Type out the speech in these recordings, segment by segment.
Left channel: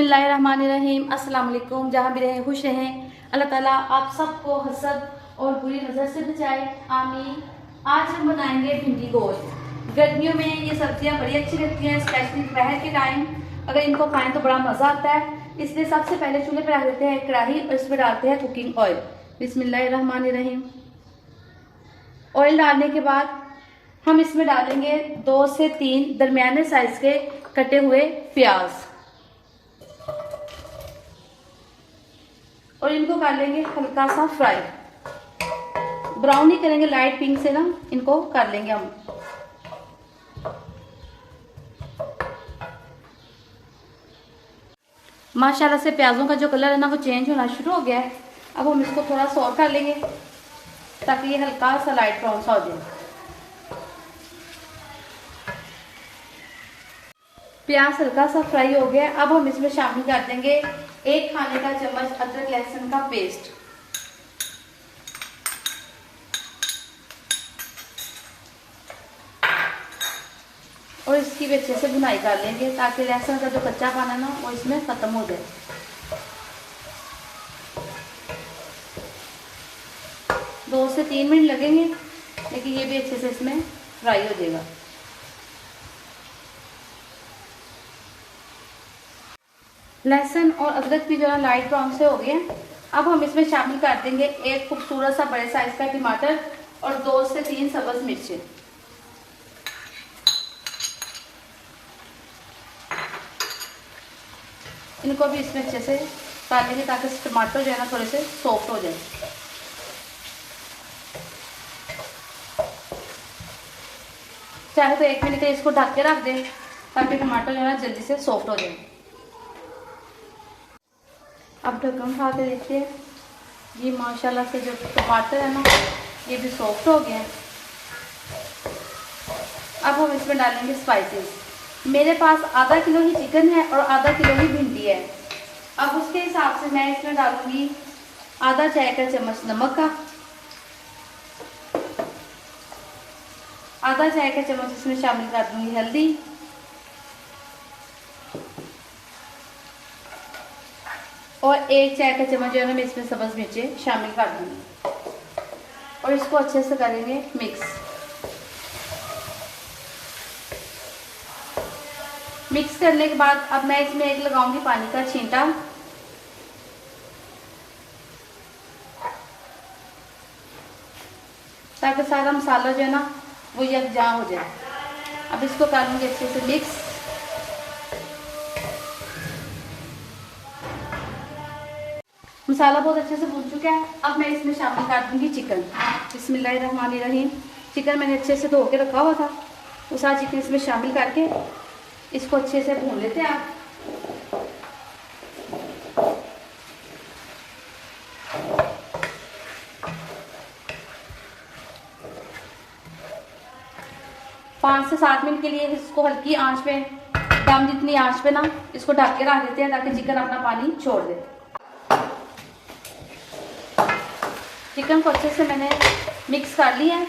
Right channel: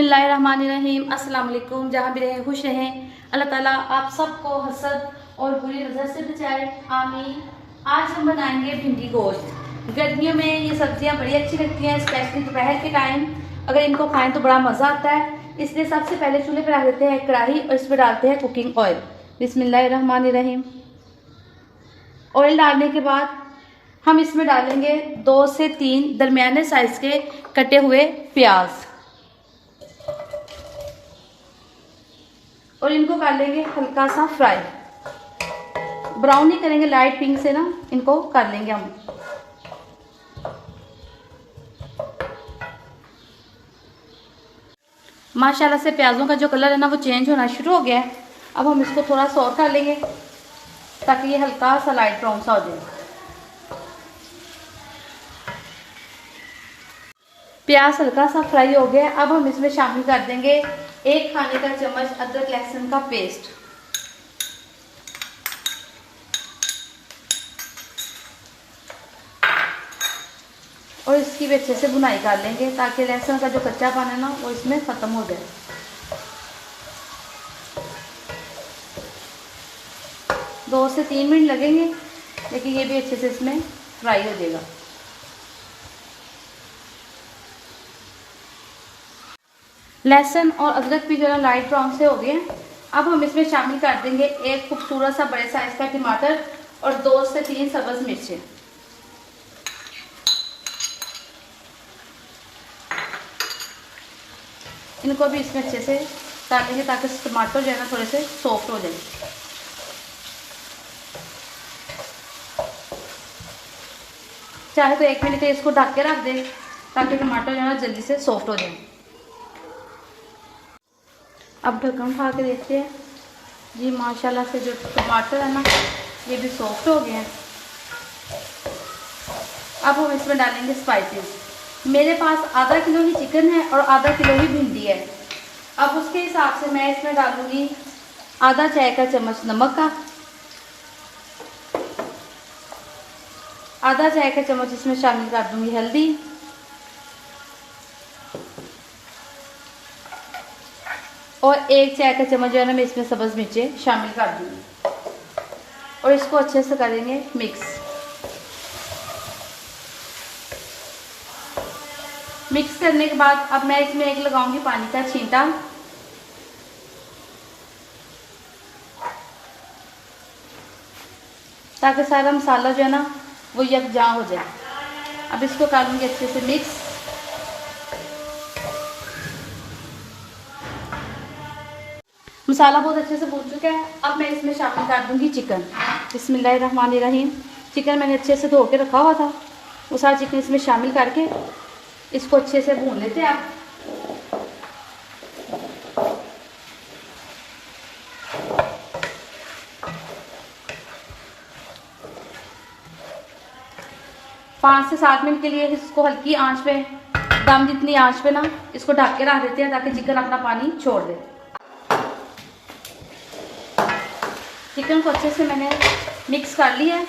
बिस्मिल्लाहिर्रहमानिर्रहीम। अस्सलाम वालेकुम। जहाँ भी रहें खुश रहें। अल्लाह ताला आप सबको हसद और बुरी नज़र से बचाए, आमीन। आज हम बनाएंगे भिंडी गोश्त। गर्मियों में ये सब्जियां बड़ी अच्छी लगती हैं, स्पेशली दोपहर के टाइम अगर इनको खाएं तो बड़ा मज़ा आता है। इसलिए सबसे पहले चूल्हे पर रख देते हैं कढ़ाई और इसमें डालते हैं कुकिंग ऑयल। बिस्मिल्लाहिर्रहमानिर्रहीम। ऑयल डालने के बाद हम इसमें डालेंगे 2 से 3 दरमियाने साइज के कटे हुए प्याज और इनको कर लेंगे हल्का सा फ्राई। ब्राउन नहीं करेंगे, लाइट पिंक से ना इनको कर लेंगे हम। माशाल्लाह से प्याजों का जो कलर है ना वो चेंज होना शुरू हो गया है। अब हम इसको थोड़ा सा और कर लेंगे ताकि ये हल्का सा लाइट ब्राउन सा हो जाए। प्याज हल्का सा फ्राई हो गया। अब हम इसमें शामिल कर देंगे 1 खाने का चम्मच अदरक लहसुन का पेस्ट। और इसकी भी अच्छे से भुनाई कर लेंगे ताकि लहसुन का जो कच्चा पाना ना वो इसमें खत्म हो जाए। 2 से 3 मिनट लगेंगे, लेकिन ये भी अच्छे से इसमें फ्राई हो जाएगा। लहसुन और अदरक भी जो है लाइट ब्राउन से हो गए। अब हम इसमें शामिल कर देंगे 1 खूबसूरत सा बड़े साइज का टमाटर और 2 से 3 सब्ज मिर्चें। इनको भी इसमें अच्छे से डालेंगे ताकि टमाटर जो है ना थोड़े से सॉफ्ट हो जाए। चाहे तो 1 मिनट के इसको ढक के रख दें ताकि टमाटर जो है ना जल्दी से सॉफ्ट हो जाए। अब ढक्कन उठा के देखते हैं जी, माशाल्लाह से जो टमाटर है ना ये भी सॉफ्ट हो गए हैं। अब हम इसमें डालेंगे स्पाइसेस। मेरे पास आधा किलो ही चिकन है और आधा किलो ही भिंडी है। अब उसके हिसाब से मैं इसमें डालूंगी आधा चाय का चम्मच नमक का, आधा चाय का चम्मच इसमें शामिल कर दूंगी हल्दी, और 1 चाय का चम्मच जो है ना मैं इसमें सब्ज मिर्चें शामिल कर दूंगी और इसको अच्छे से करेंगे मिक्स। मिक्स करने के बाद अब मैं इसमें एक लगाऊंगी पानी का छींटा। ताकि सारा मसाला जो है ना वो यकजा हो जाए। अब इसको कर लूंगी अच्छे से मिक्स। मसाला बहुत अच्छे से भून चुका है। अब मैं इसमें शामिल कर दूंगी चिकन। बिस्मिल्लाहिर्रहमानिर्रहीम। चिकन मैंने अच्छे से धो के रखा हुआ था, वो सारा चिकन इसमें शामिल करके इसको अच्छे से भून लेते हैं। आप पाँच से 7 मिनट के लिए इसको हल्की आंच पे, दम जितनी आंच पे ना इसको ढक के रख देते हैं ताकि चिकन अपना पानी छोड़ दे। चिकन को अच्छे से मैंने मिक्स कर लिया है।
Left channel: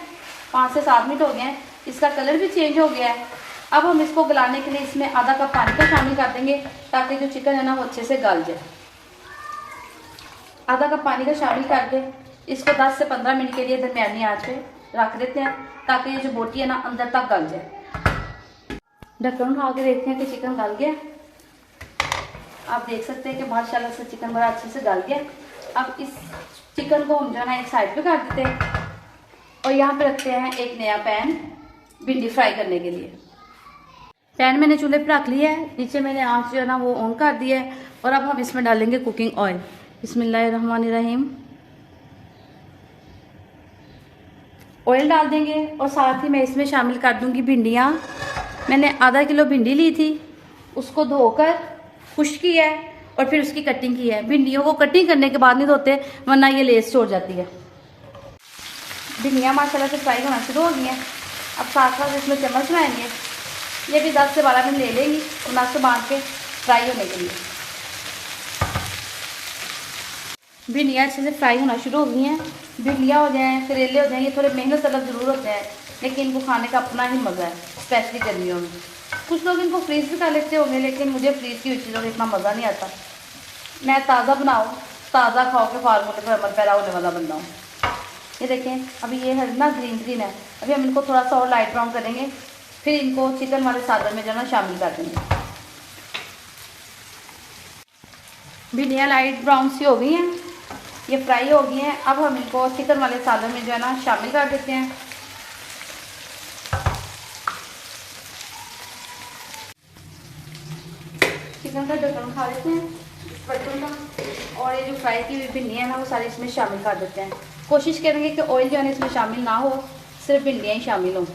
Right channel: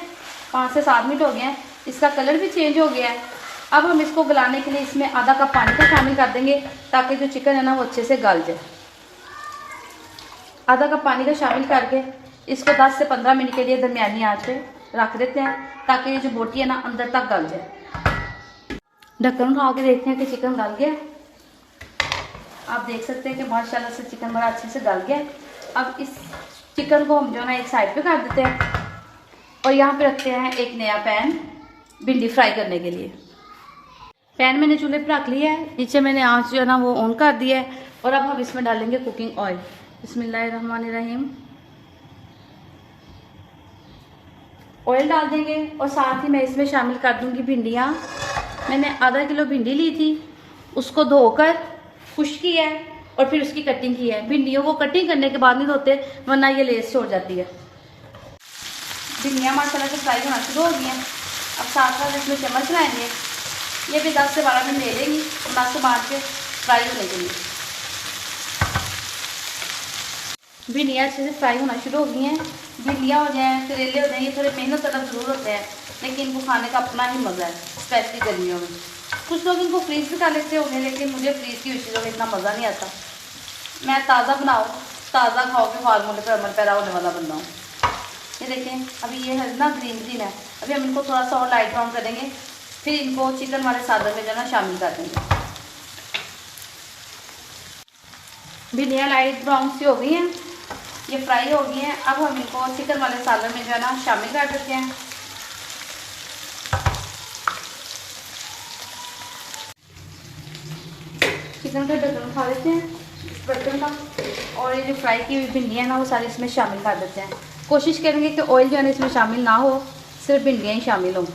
5 से 7 मिनट हो गए हैं, इसका कलर भी चेंज हो गया है। अब हम इसको गलाने के लिए इसमें आधा कप पानी का शामिल कर देंगे ताकि जो चिकन है ना वो अच्छे से गल जाए। आधा कप पानी का शामिल करके इसको 10 से 15 मिनट के लिए दरमियानी आंच पे रख देते हैं ताकि ये जो बोटी है ना अंदर तक गल जाए। ढक्कन उठा के देखते हैं कि चिकन गल गया। आप देख सकते हैं कि माशाल्लाह से चिकन बड़ा अच्छे से गल गया। अब इस चिकन को हम जो है ना एक साइड पे कर देते हैं और यहाँ पे रखते हैं एक नया पैन भिंडी फ्राई करने के लिए। पैन मैंने चूल्हे पे रख लिया है, नीचे मैंने आंच जो है ना वो ऑन कर दिया है और अब हम इसमें डालेंगे कुकिंग ऑयल। बिस्मिल्लाहिर्रहमानिर्रहीम। ऑयल डाल देंगे और साथ ही मैं इसमें शामिल कर दूंगी भिंडियाँ। मैंने आधा किलो भिंडी ली थी, उसको धोकर खुश किया है और फिर उसकी कटिंग की है। भिंडियों को कटिंग करने के बाद नहीं धोते वरना ये लेस छोड़ जाती है। भिंडियाँ माशाल्लाह से फ्राई होना शुरू हो गई हैं। अब साथ साथ इसमें चम्मच लगाएंगे, ये भी 10 से 12 मिनट ले लेंगी नाश्ते बांध के फ्राई होने के लिए। भिंडियाँ अच्छे से फ्राई होना शुरू हो गई हैं। भिंडियाँ हो जाएँ, करेले हो जाएँ, ये थोड़े मेहनत तलब ज़रूर होते हैं, लेकिन इनको खाने का अपना ही मज़ा है, स्पेशली गर्मियों में। कुछ लोग इनको फ्रीज भी कर लेते होंगे, लेकिन मुझे फ्रीज की हुई चीज़ों में इतना मज़ा नहीं आता। मैं ताज़ा बनाओ, ताज़ा खाओ के फार्मूले पर अमल पैदा होने वाला बंदा हूँ। ये देखें, अभी ये है ना ग्रीन ग्रीन है, अभी हम इनको थोड़ा सा और लाइट ब्राउन करेंगे, फिर इनको चिकन वाले सालन में जो ना शामिल कर देंगे। भिंडियाँ लाइट ब्राउन सी हो गई हैं, ये फ्राई हो गई हैं। अब हम इनको चिकन वाले सालन में जो है ना शामिल कर देते हैं। चिकन का ढक्कन उठा देते हैं बर्तन का, और ये जो फ्राई की हुई भिंडियाँ ना वो सारी इसमें शामिल कर देते हैं। कोशिश करेंगे कि ऑयल जो है ना इसमें शामिल ना हो, सिर्फ भिंडियाँ ही शामिल हों।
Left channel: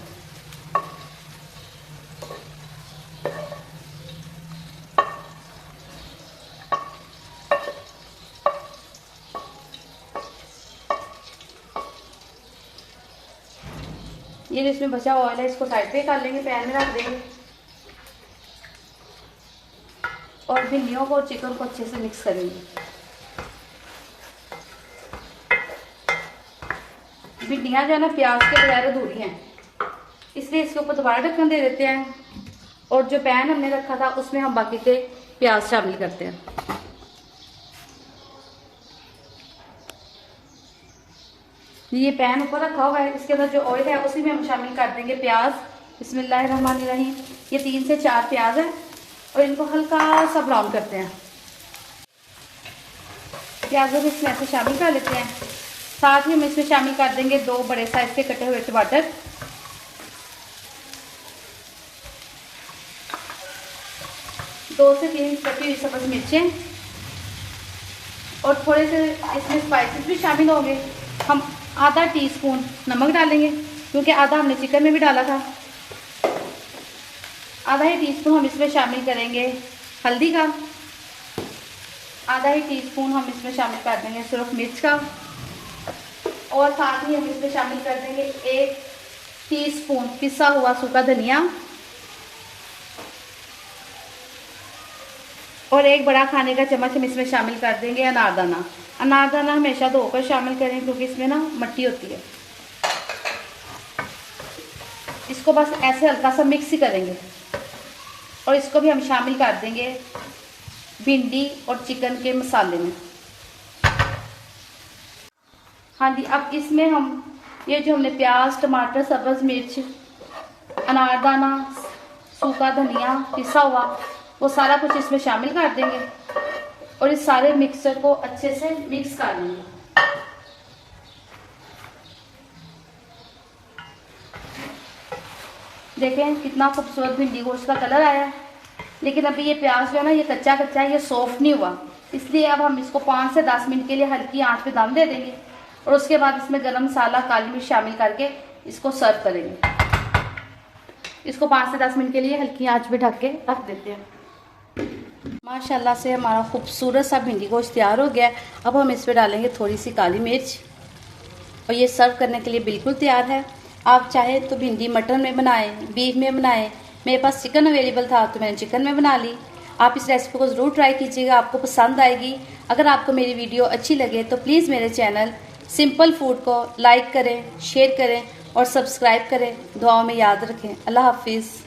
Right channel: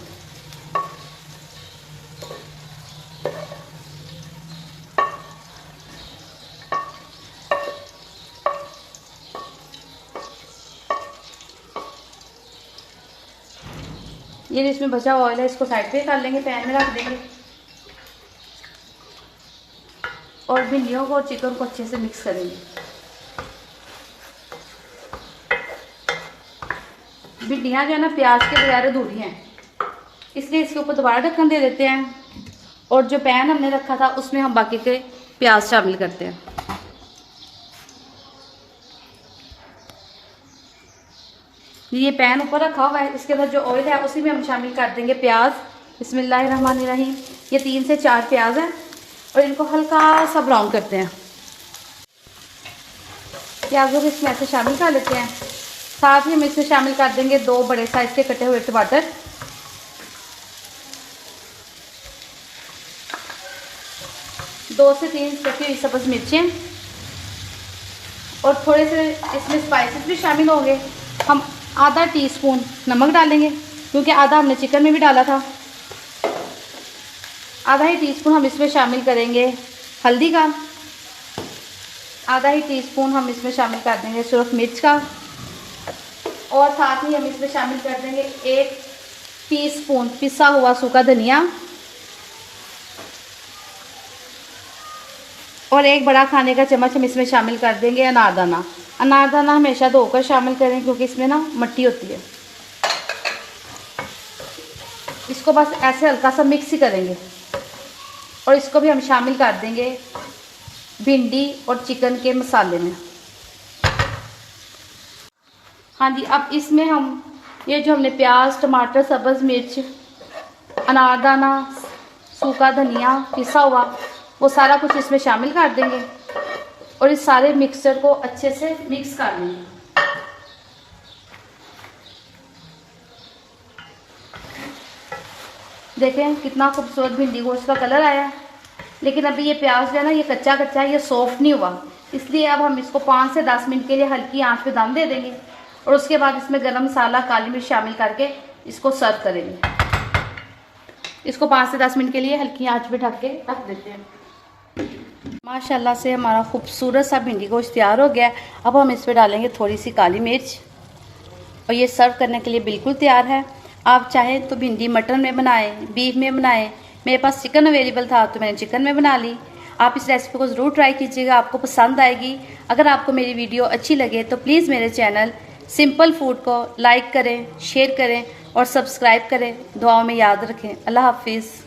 ये इसमें बचा हुआ ऑयल है, इसको साइड पे कर लेंगे, पैन में रख देंगे और भिंडियों को और चिकन को अच्छे से मिक्स करेंगे। भिंडियाँ जो है ना प्याज के बगैर अधूरी हैं, इसलिए इसके ऊपर दोबारा ढक्कन दे देते हैं और जो पैन हमने रखा था उसमें हम बाकी के प्याज शामिल करते हैं। ये पैन ऊपर रखा हुआ है, इसके अंदर जो ऑयल है उसी में हम शामिल कर देंगे प्याज। बिस्मिल्लाहिर्रहमानिर्रहीम। ये 3 से 4 प्याज है और इनको हल्का सा ब्राउन करते हैं। प्याजों को इसमें ऐसे शामिल कर लेते हैं। साथ ही हम इसमें शामिल कर देंगे 2 बड़े साइज के कटे हुए टमाटर, 2 से 3 कटी हुई सब्ज मिर्चें और थोड़े से इसमें स्पाइसेस भी शामिल होंगे। हम आधा टीस्पून नमक डालेंगे क्योंकि आधा हमने चिकन में भी डाला था। आधा ही टीस्पून हम इसमें शामिल करेंगे हल्दी का, आधा ही टीस्पून हम इसमें शामिल कर देंगे सूरख मिर्च का, और साथ ही हम इसमें शामिल कर देंगे 1 टीस्पून पिसा हुआ सूखा धनिया और 1 बड़ा खाने का चम्मच हम इसमें शामिल कर देंगे अनारदाना। अनारदाना हमेशा धोकर शामिल करें क्योंकि इसमें ना मिट्टी होती है। इसको बस ऐसे हल्का सा मिक्स ही करेंगे और इसको भी हम शामिल कर देंगे भिंडी और चिकन के मसाले में। हाँ जी, अब इसमें हम ये जो हमने प्याज, टमाटर, सब्ज़ मिर्च, अनारदाना, सूखा धनिया पिसा हुआ वो सारा कुछ इसमें शामिल कर देंगे और इस सारे मिक्सचर को अच्छे से मिक्स कर लेंगे। देखें कितना खूबसूरत भिंडी गोश्त का कलर आया है, लेकिन अभी ये प्याज जो है ना ये कच्चा कच्चा है, ये सॉफ्ट नहीं हुआ, इसलिए अब हम इसको 5 से 10 मिनट के लिए हल्की आंच पे दम दे देंगे और उसके बाद इसमें गरम मसाला, काली मिर्च शामिल करके इसको सर्व करेंगे। इसको 5 से 10 मिनट के लिए हल्की आंच पे ढक के रख देते हैं। माशाल्लाह से हमारा खूबसूरत सा भिंडी गोश्त तैयार हो गया है। अब हम इस पर डालेंगे थोड़ी सी काली मिर्च और ये सर्व करने के लिए बिल्कुल तैयार है। आप चाहें तो भिंडी मटन में बनाएं, बीफ में बनाएं। मेरे पास चिकन अवेलेबल था तो मैंने चिकन में बना ली। आप इस रेसिपी को ज़रूर ट्राई कीजिएगा, आपको पसंद आएगी। अगर आपको मेरी वीडियो अच्छी लगे तो प्लीज़ मेरे चैनल सिंपल फूड को लाइक करें, शेयर करें और सब्सक्राइब करें। दुआओं में याद रखें। अल्लाह हाफिज़।